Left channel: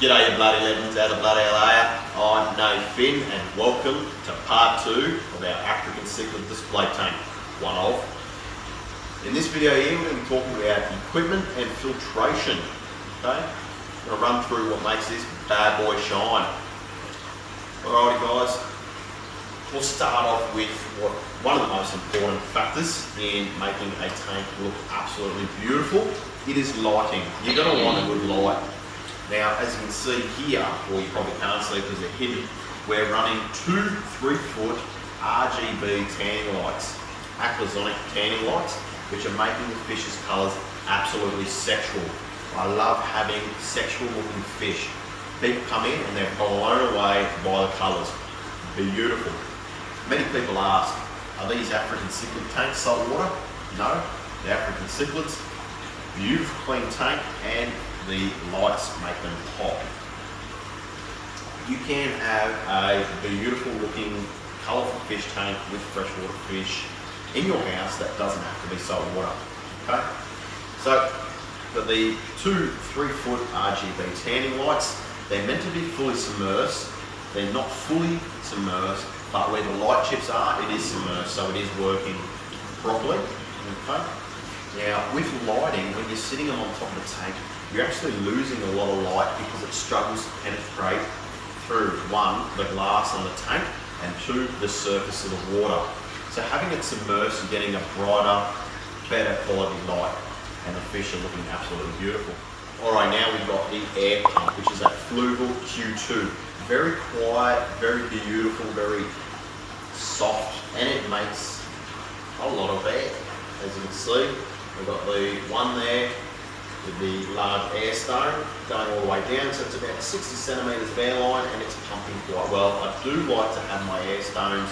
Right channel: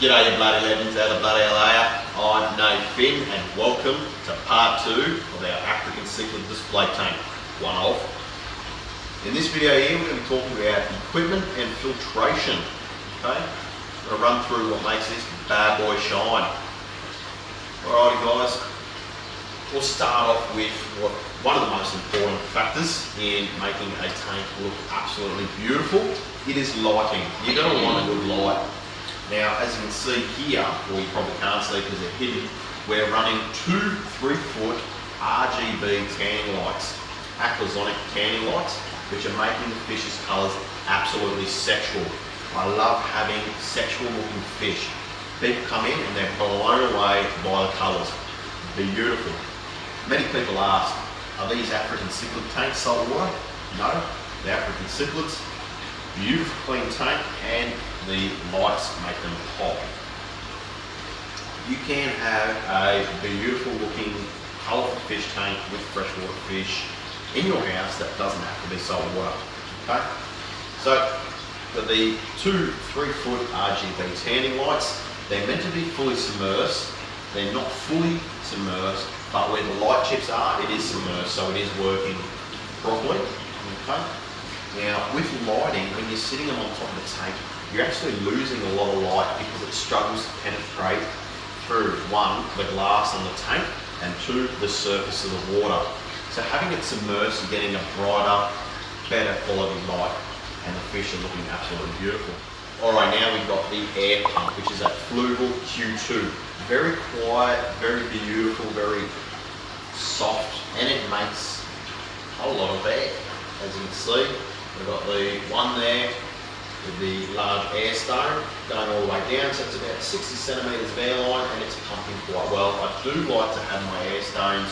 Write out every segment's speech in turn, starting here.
G'day you bloody legends, how the bloody hell are ya? I'm No Finn and welcome to part 2 of our African Cichlid display tank, one of. In this video here we're going to be talking about equipment and filtration. Okay? I'm going to run through what makes this bad boy shine. Alrighty guys, we'll start off with one of the most important factors in making a tank look absolutely beautiful. It is lighting. You're going to want a good light. Now, as you can see here, or you probably can't see because they're hidden, we're running two 3-foot RGB tanning lights, aquasonic tanning lights, which are making the fish's colours absolutely sexual. I love having sexual looking fish. People come in and they're blown away by the colours. Beautiful. Many people ask, are these African Cichlid tanks salt water? No, they're African Cichlids. Beautiful clean tank, and the lights make them pop. You can have a beautiful looking colourful fish tank with freshwater fish in your house that doesn't have to be salt water. Okay? So for the two 3-foot RGB tanning lights, they're meant to be fully submersed. They're not fully submersed, but where the light chips are, it is submersed, so it is working properly. Okay? Now, with lighting, when you're sitting them on top of the tank, you're actually losing a lot of light because it struggles to penetrate through, one, the glass on the tank, and two, the surface of the water. So having it submerged and getting a brighter, better quality light, and the fish are looking absolutely beautiful. Alright, now we've got the air pump, which is a Fluval Q2. Very quiet, very beautiful, very soft, and it makes a lot of air, as you can see. We've got the one there with the large air stone going all the way down, so it's about 60 centimetres of air line, and it's pumping quite well. I do like to have my air stones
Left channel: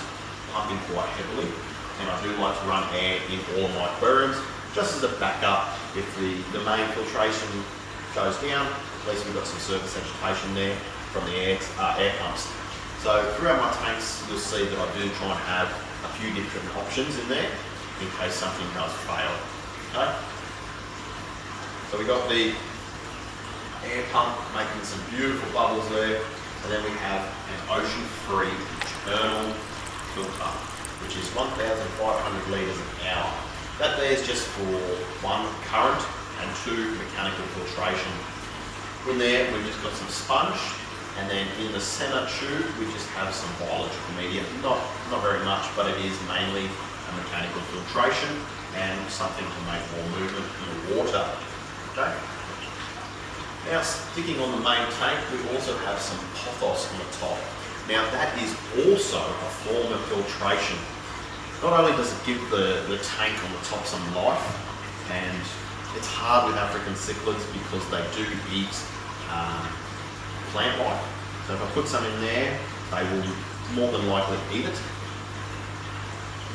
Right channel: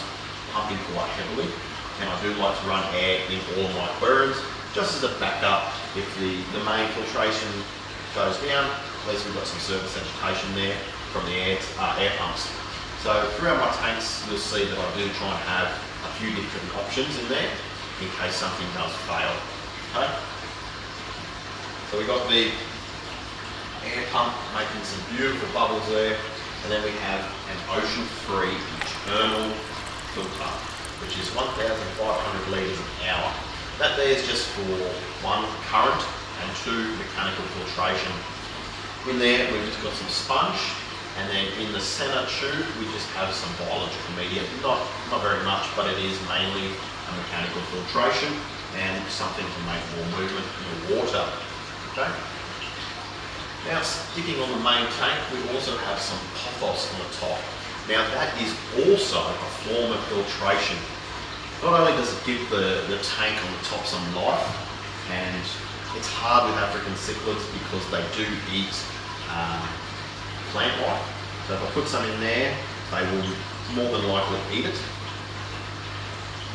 pumping quite heavily, and I do like to run air in all of my aquariums, just as a backup. If the main filtration goes down, at least we've got some surface agitation there from the air pumps. So throughout my tanks, you'll see that I do try and have a few different options in there in case something does fail. Okay. So we've got the air pump making some beautiful bubbles there, and then we have an ocean-free internal filter, which is 1,500 litres an hour. That there is just for one, current, and two, mechanical filtration. In there we've just got some sponge, and then in the centre tube we just have some biological medium. Not very much, but it is mainly a mechanical filtration and something to make more movement in the water. Okay. Now, sticking on the main tank, we also have some pothos on the top. Now that is also a form of filtration. Not only does it give the tank on the top some life, and it's hard with African cichlids because they do eat plant life. So if I put some in there, they will more than likely eat it.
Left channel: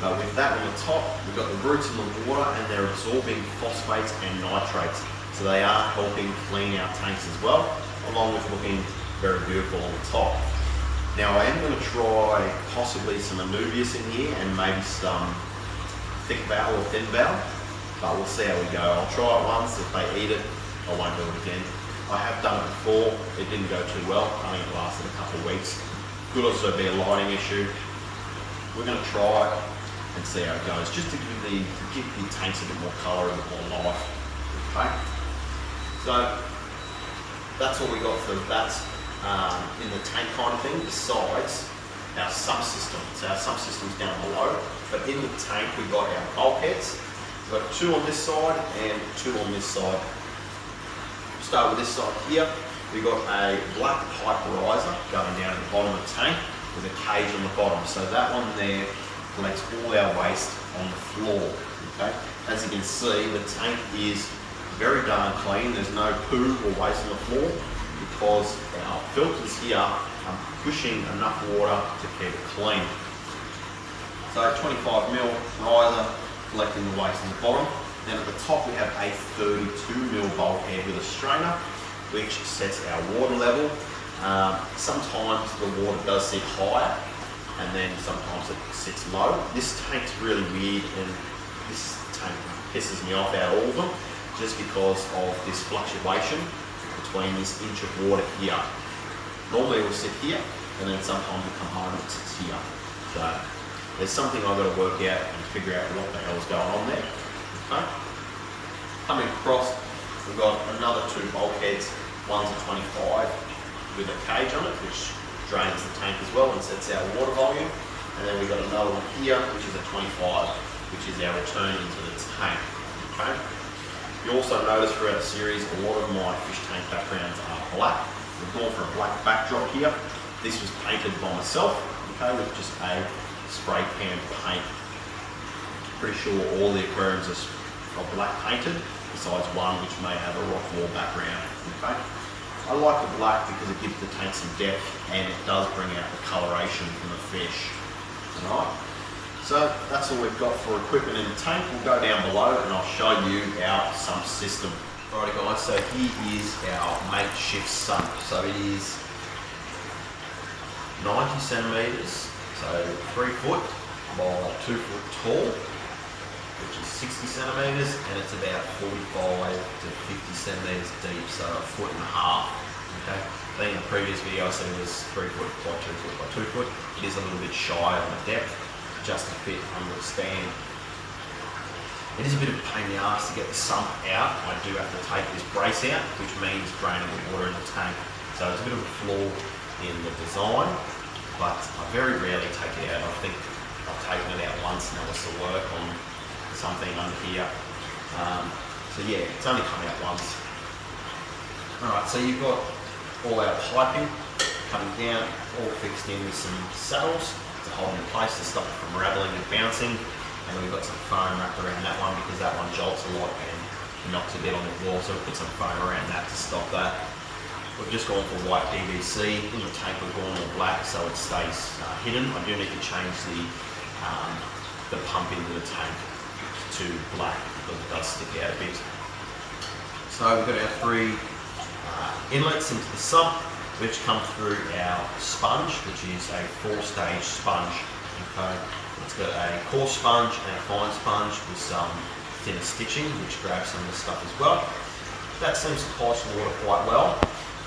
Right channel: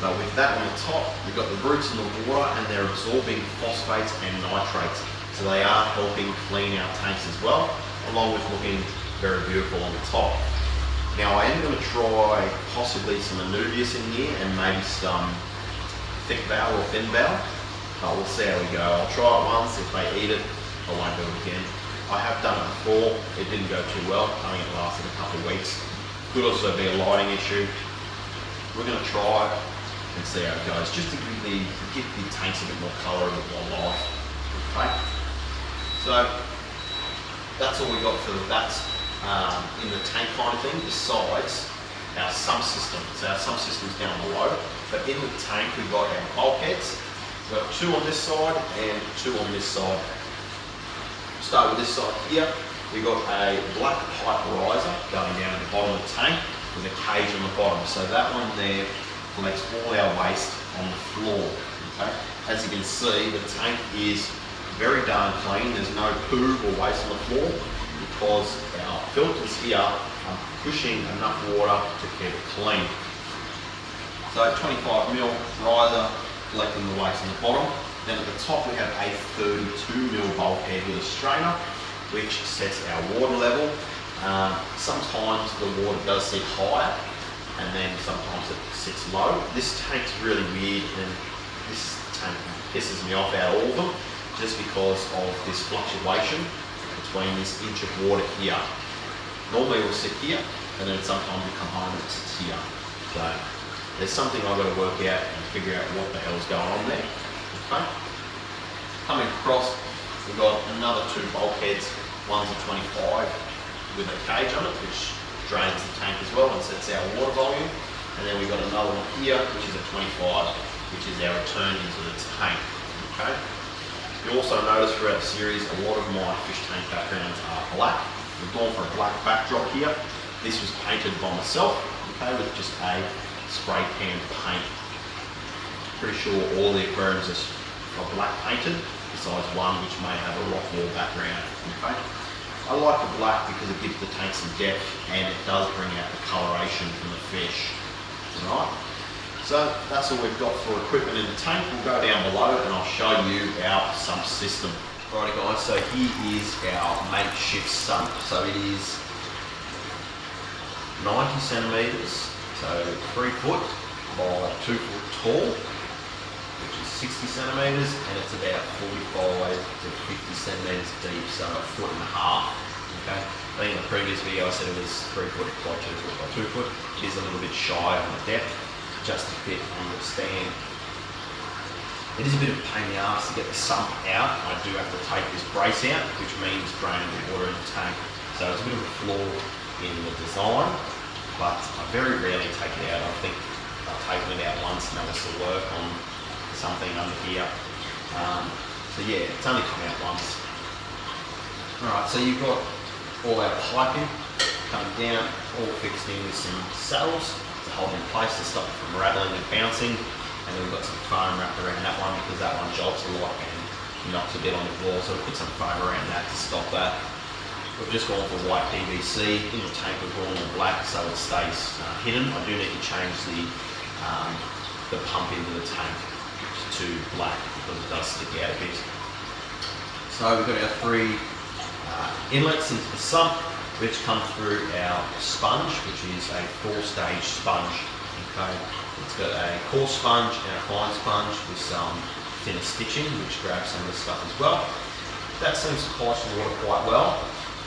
But with that on the top, we've got the roots in the water and they're absorbing phosphates and nitrates. So they are helping clean our tanks as well, along with looking very beautiful on the top. Now I am going to try possibly some anubias in here and maybe some thick valve or thin valve, but we'll see how we go. I'll try it once. If they eat it, I won't do it again. I have done it before. It didn't go too well. I think it lasted a couple of weeks. Could also be a lighting issue. We're going to try it and see how it goes, just to give the tanks a bit more colour, a bit more life. Okay, so that's all we got for that in the tank kind of thing, besides our sump system. So our sump system's down below, but in the tank we've got our bulkheads. We've got two on this side and two on this side. Start with this side here. We've got a black pipe riser going down at the bottom of the tank with a cage on the bottom. So that one there collects all our waste on the floor. Okay? As you can see, the tank is very darn clean. There's no poo or waste on the floor because our filters here are pushing enough water to keep it clean. So 25mm riser collecting the waste on the bottom. Then at the top we have a 32mm bulkhead with a strainer, which sets our water level. Sometimes the water does sit higher, and then sometimes it sits low. This tank's really weird, and this tank pisses me off out of all of them, just because of this fluctuation. between this inch of water here. Normally it will sit here, and then sometimes it come home and it sits here. So there's something I've got to work out and figure out what the hell's going on there. Okay. Coming across, we've got another two bulkheads. One's a 25 with a cage on it, which drains the tank as well and sets our water volume. And then we've got another one here, which is a 25, which is our return into the tank. Okay. You also notice throughout the series, a lot of my fish tank backgrounds are black. We've gone for a black backdrop here. This was painted by myself, okay, with just a spray can paint. Pretty sure all the aquariums are black painted, besides one which may have a rock wall background. Okay. I like the black because it gives the tank some depth and it does bring out the coloration from the fish. Alright, so that's all we've got for equipment in the tank. We'll go down below and I'll show you our sump system. Alrighty guys, so here is our makeshift sump. So it is 90 centimetres, so 3 foot by 2 foot tall, which is 60 centimetres, and it's about 45 to 50 centimetres deep, so a foot and a half. Okay. I think in the previous video I said it was 3 foot by 2 foot by 2 foot. It is a little bit shy on the depth, just to fit on the stand. It is a bit of a pain in the arse to get the sump out. I do have to take this brace out, which means draining the water in the tank. So it's a bit of a flaw in the design, but I very rarely take it out. I think I've taken it out once and that was to work on something under here. So yeah, it's only come out once. Alright, so you've got all our piping coming down, all fixed in with some saddles to hold in place to stop it from rattling and bouncing. And then we've got some foam wrapped around that one because that one jolts a lot and knocks a bit on the wall, so we put some foam around that to stop that. We've just gone for white PVC. In the tank we've gone all black so it stays hidden. I do need to change the pump into the tank to black because it does stick out a bit. So we've got our 3 inlets into the sump, which come through our sponge, which is a 4-stage sponge. Okay. It's got a coarse sponge and a fine sponge with some thinner stitching, which grabs some of the stuff as well. That seems to pulse the water quite well.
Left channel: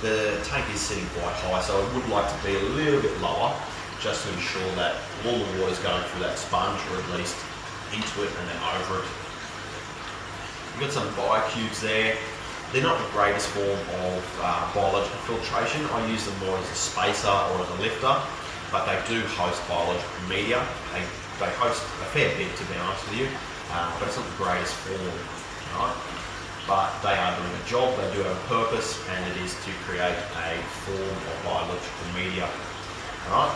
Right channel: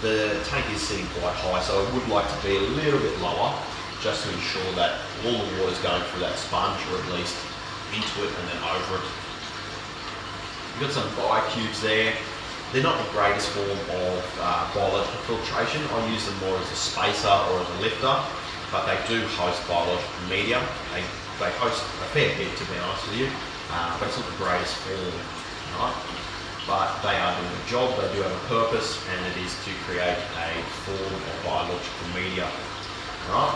The tank is sitting quite high, so I would like to be a little bit lower, just to ensure that all the water is going through that sponge, or at least into it and then over it. We've got some biocubes there. They're not the greatest form of biological filtration. I use them more as a spacer or as a lifter, but they do host biological media. They host a fair bit, to be honest with you, but it's not the greatest form, right? But they are doing a job, they do have a purpose, and it is to create a form of biological media, all right?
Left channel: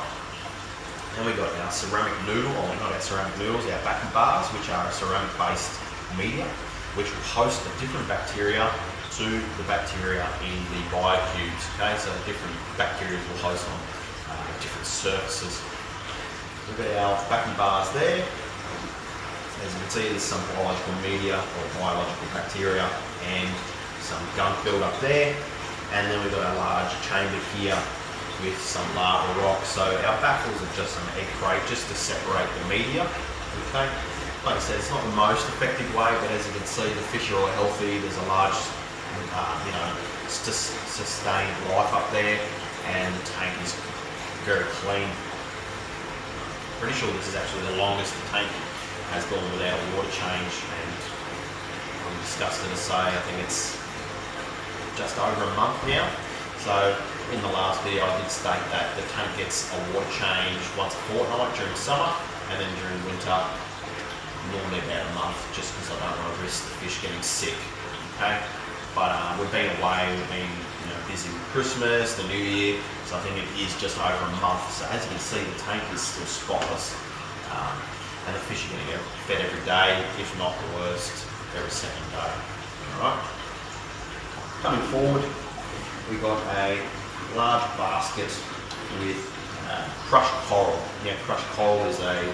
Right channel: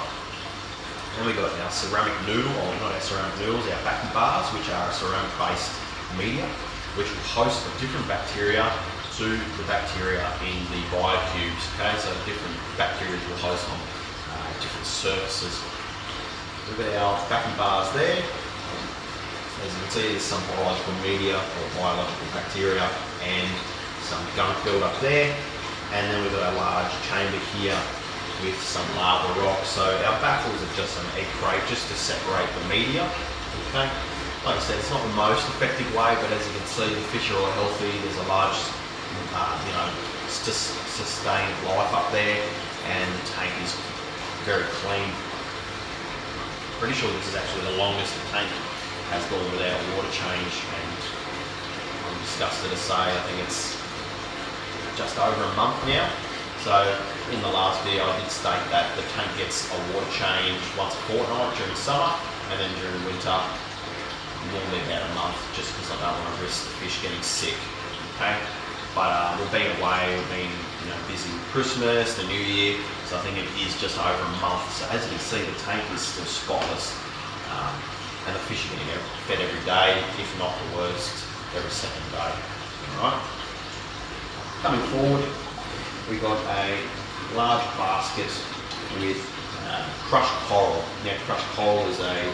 Then we've got our ceramic noodle, or not our ceramic noodles, our backy bars, which are a ceramic-based media, which will host a different bacteria to the bacteria in the biocubes, okay? So different bacteria will host on different surfaces. We've got our backy bars there. As you can see, there's some biological media or biological bacteria and some gunk build up there. And then we've got our large chamber here with some lava rock. So our baffles are just an egg crate just to separate the media. Okay. Like I said, it's not the most effective way, but as you can see, the fish are all healthy. There's a large, sustained life up there, and the tank is very clean. Pretty sure this is actually the longest the tank has gone without a water change, and I'm disgusted to say I think it's just over a month now. So in the last video I did state that the tank gets a water change once a fortnight during summer, and then during winter normally about a month, just because I don't want to risk the fish getting sick. Okay, but we've been away, we've been busy with Christmas, the New Year, so I think it is just over a month. So as you can see, the tank is still spotless, and the fish are going to get fed every day, if not the worst, every second day. All right. Coming forward, we've got a large basket with crushed coral. Now, crushed coral is a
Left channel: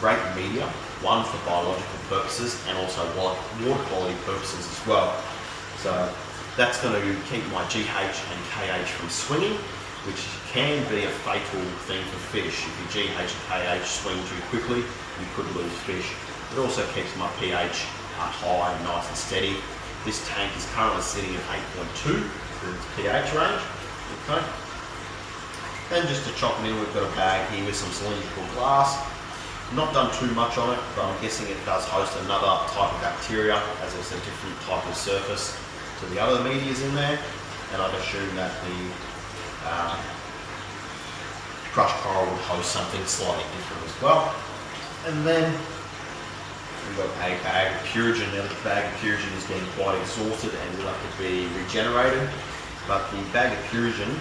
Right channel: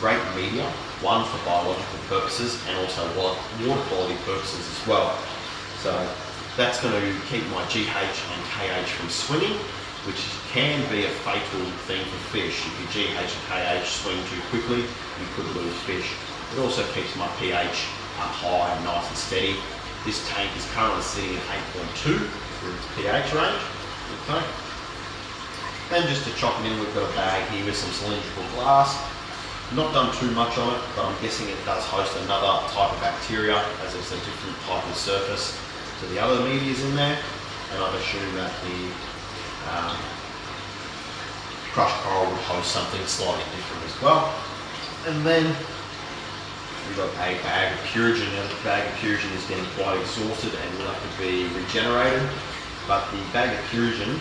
great media, one for biological purposes and also water quality purposes as well. So that's going to keep my GH and KH from swinging, which can be a fatal thing for fish. If your GH and KH swing too quickly, you could lose fish. It also keeps my pH up high and nice and steady. This tank is currently sitting at 8.2, through its pH range. Okay. And just to chop it in, we've got a bag here with some cylindrical glass. Not done too much on it, but I'm guessing it does host another type of bacteria, as it's a different type of surface to the other medias in there. And I'd assume that the crushed coral would host something slightly different as well. And then we've got a bag of Purigen. Now the bag of Purigen is getting quite exhausted and will have to be regenerated. But the bag of Purigen,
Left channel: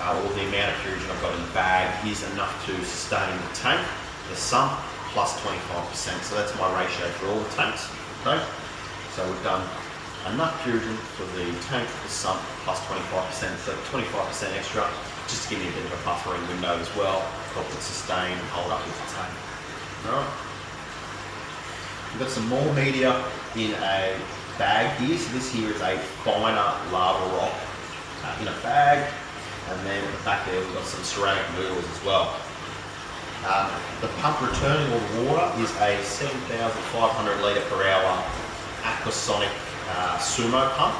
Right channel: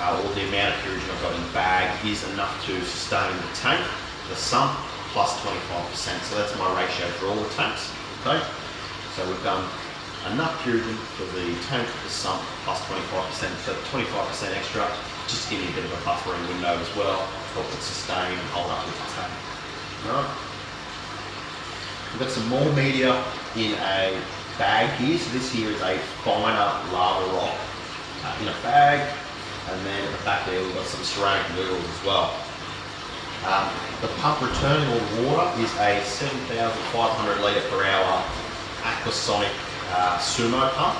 or the amount of Purigen I've got in the bag, is enough to sustain the tank, the sump, plus 25%. So that's my ratio for all the tanks. Okay. So we've done enough Purigen for the tank, the sump, plus 25%. So 25% extra, just to give you a bit of a buffering window as well, help it sustain and hold up with the tank. Alright. We've got some more media in a bag here. So this here is a finer lava rock in a bag, and then at the back there we've got some ceramic noodles as well. The pump returning all the water is a 7,500 litre per hour Aquasonic Sumo pump.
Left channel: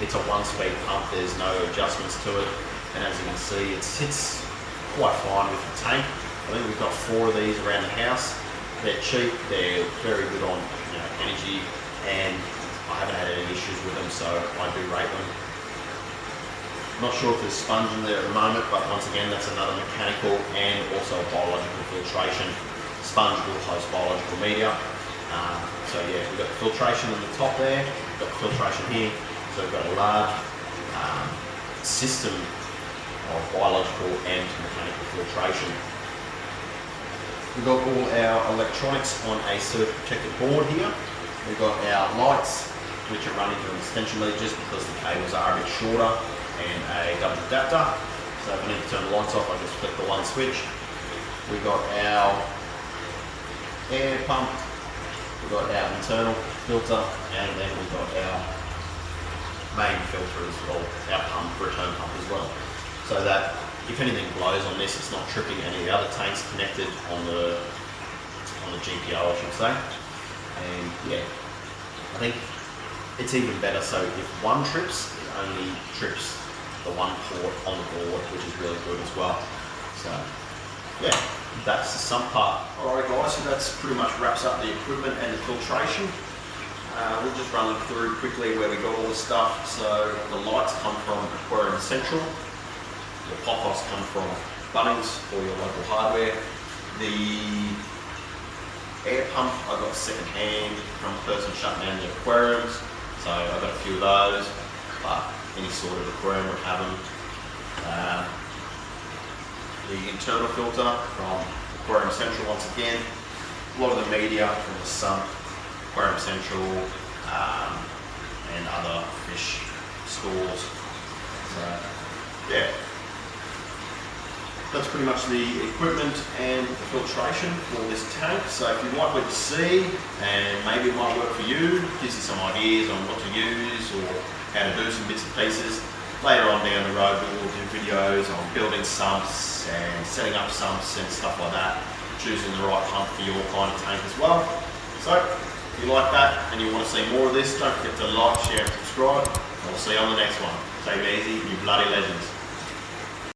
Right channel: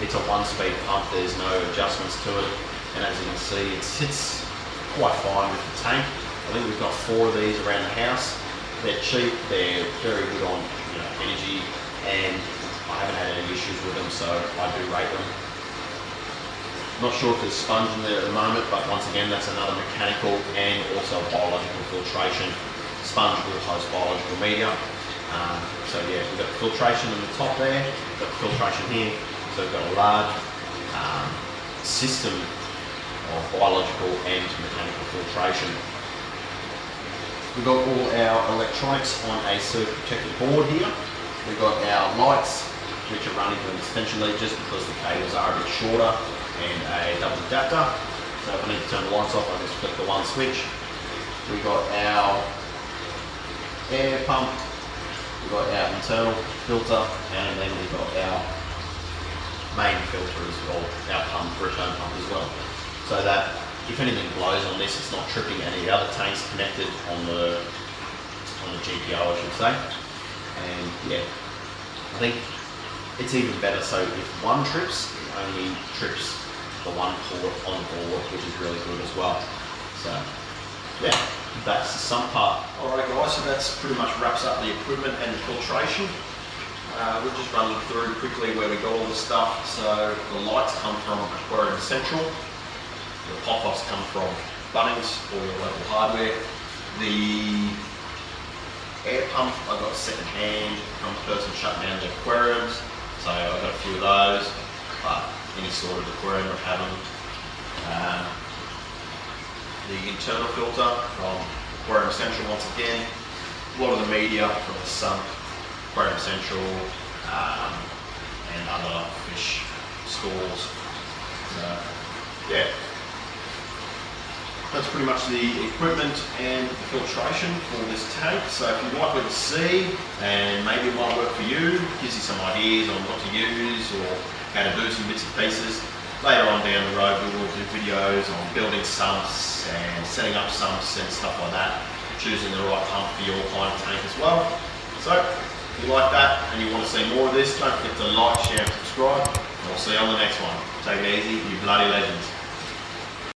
It's a one-speed pump, there's no adjustments to it, and as you can see it sits quite fine with the tank. I think we've got 4 of these around the house. They're cheap, they're very good on energy, and I haven't had any issues with them, so I do rate them. Not sure if there's sponge in there at the moment, but once again that's another mechanical and also biological filtration. Sponge will host biological media. So yeah, we've got the filtration in the top there, we've got the filtration here, so we've got a large system of biological and mechanical filtration. We've got all our electronics on a surge protected board here. We've got our lights, which are running from an extension lead just because the cables are a bit shorter, and a double adapter. So if I need to turn the lights off, I just flick the one switch. We've got our air pump, we've got our internal filter, and then we've got our main filter as well, our pump, return pump as well. So that if anything blows on this, it's not tripping any of the other tanks connected on the GPO, I should say. And yeah, I think it's even better, so if one trips, it only trips the one port on the board, which is really good as well. So yeah, that's the sump part. Alright guys, so that's pretty much wraps up the equipment and the filtration. We'll just run through quickly where we got all the stuff. So the lights come from Aquarium Central, the pop-offs come from Bunnings or your local hardware. The air pump I got second hand from a person shutting down the aquariums, so I got a few of those, but any sort of aquarium would have them. The internal filter from Aquarium Central once again. A lot of the media from the sump, Aquarium Central, and other fish stores. So yeah, that's pretty much the equipment and the filtration for this tank. So if you like what you see, and maybe it might work for you, gives you some ideas on what to use or how to do some bits and pieces. Later on down the road we will do videos on building sumps and setting up sumps and stuff like that, choosing the right pump for your kind of tank as well. So if you like that and you want to see more of this, don't forget to like, share and subscribe, and we'll see you on the next one. Take it easy, you bloody legends.